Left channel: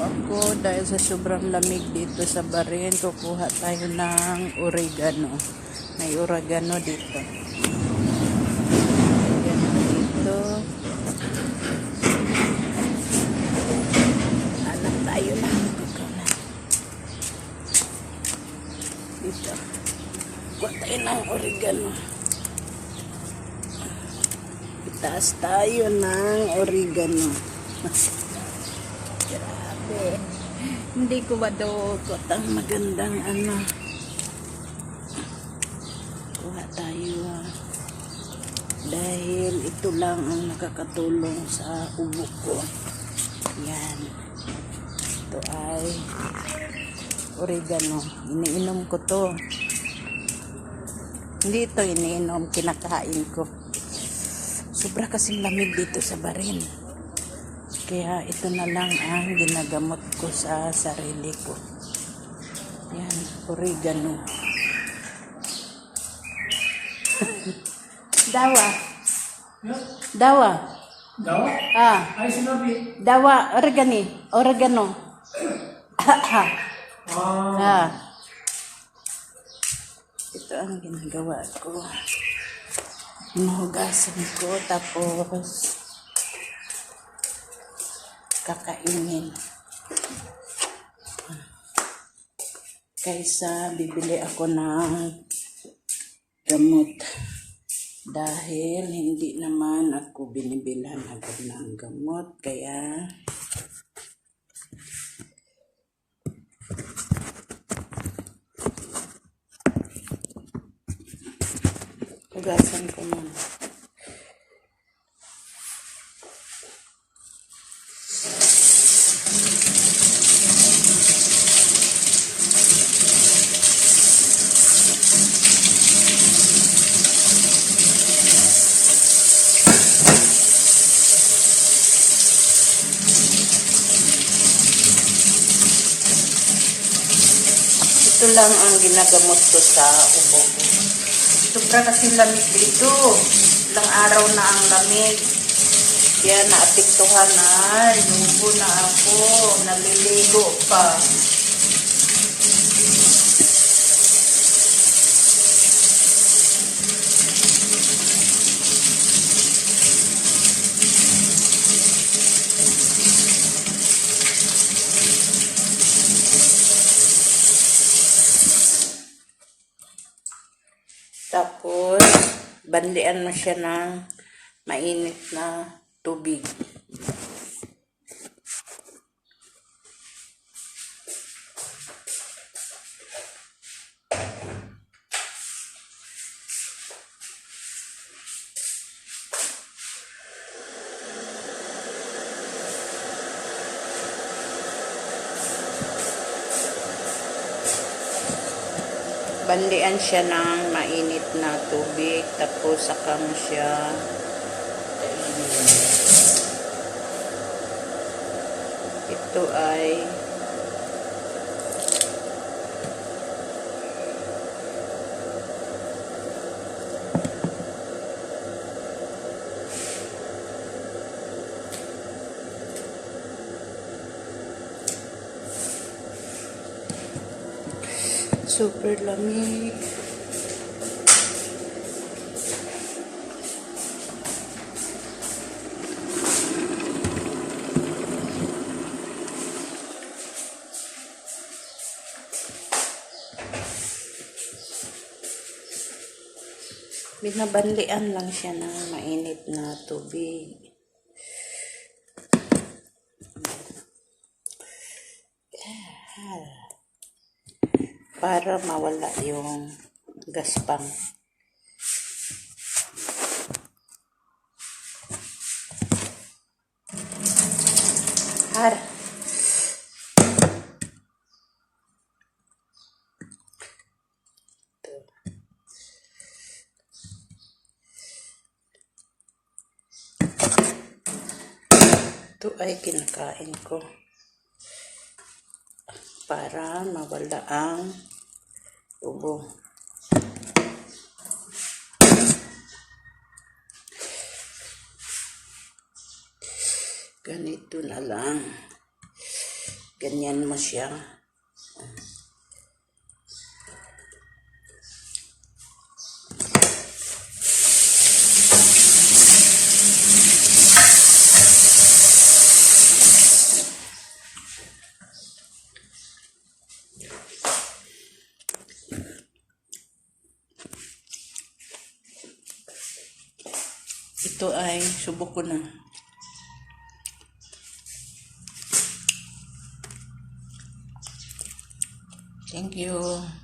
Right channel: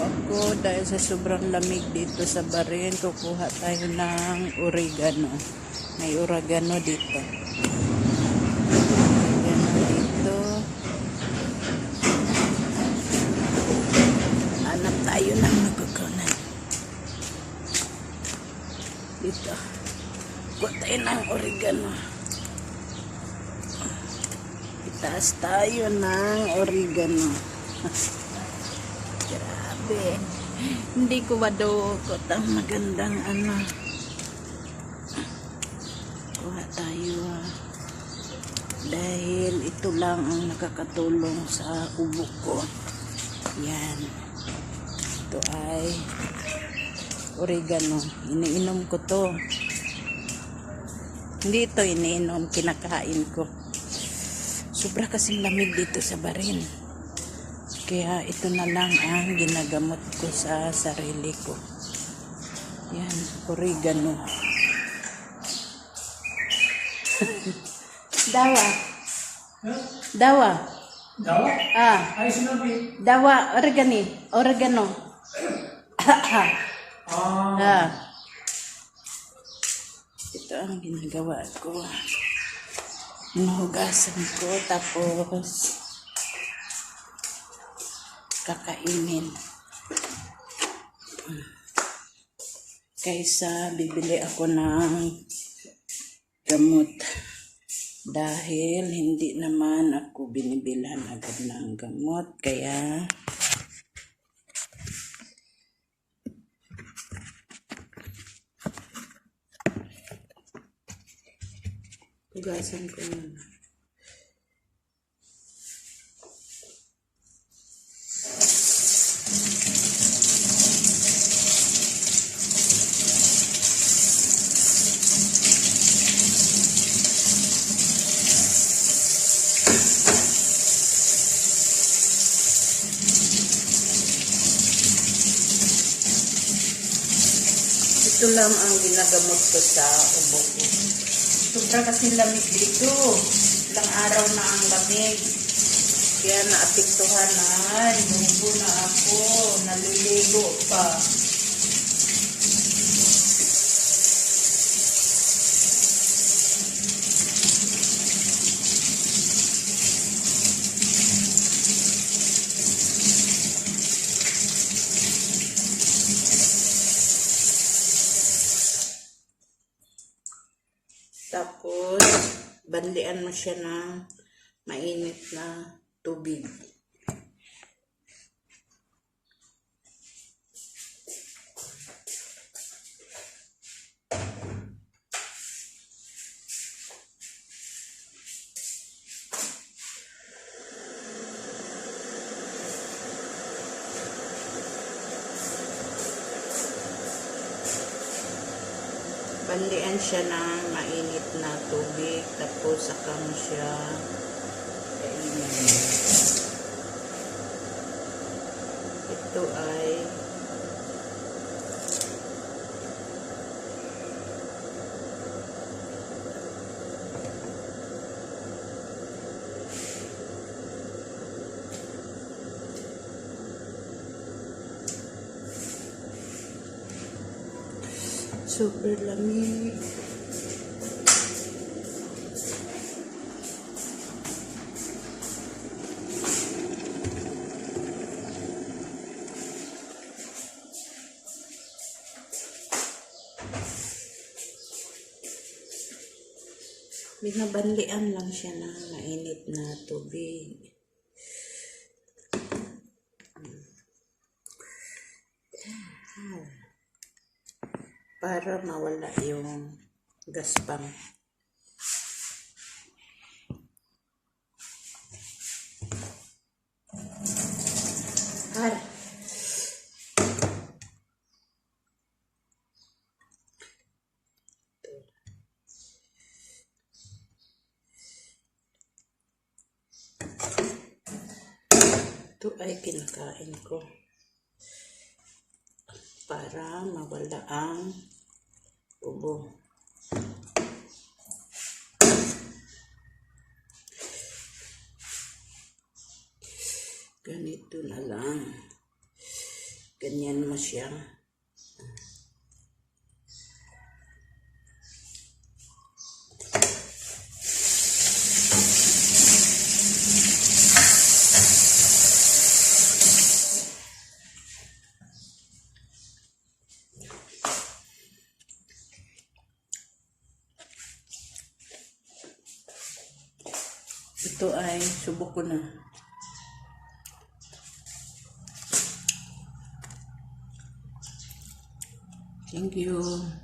ako dahil sa sobrang lamig dito sa Bahrain. Kukuha tayo ng oregano. May oregano dito. Oregano dito. Ano tayo ng magkukunan? Dito. Kuha tayo ng oregano. Itaas tayo ng oregano. Grabe. Hindi ko madukot ang magandang ano. Kuha tayo dahil ito lang ang nakakatulong sa ubo ko. Yan. Ito ay oregano. Iniinom ko to. Hindi ito iniinom. Kinakain ko. Sobra kasing lamig dito sa Bahrain. Kaya ito na lang ang ginagamot ko sa sarili ko. Yan, oregano. Dawa. Huh? Dawa. Dawa? Ah, Ay, sinabi. dawa, oregano. Ah. Ah. Ito ang ginagawa ko. Hinuhugasan ko tapos kakainin. Kaysa bibili ako ng gamot. Dahil hindi naman ako binibilhan agad ng gamot. Kaya hugasan ko muna. Ito lang ang ginagamot ko sa ubo ko. Sobra kasi lamig dito. Ilang araw na ang lamig. Kaya naapektuhan na. Lubo na ako. Naliligo pa. Tapos, bandian mo siya ng mainit na tubig. Bandian siya ng mainit na tubig, tapos saka mo siya kainin. Ito ay super lamig. Binabanlian lang siya ng mainit na tubig. Para mawala yung gaspang. Har. Ito ay kinakain ko para mawala ang ubo. Ganito na lang. Ganyan mo siya. Ito ay subok ko na. Thank you.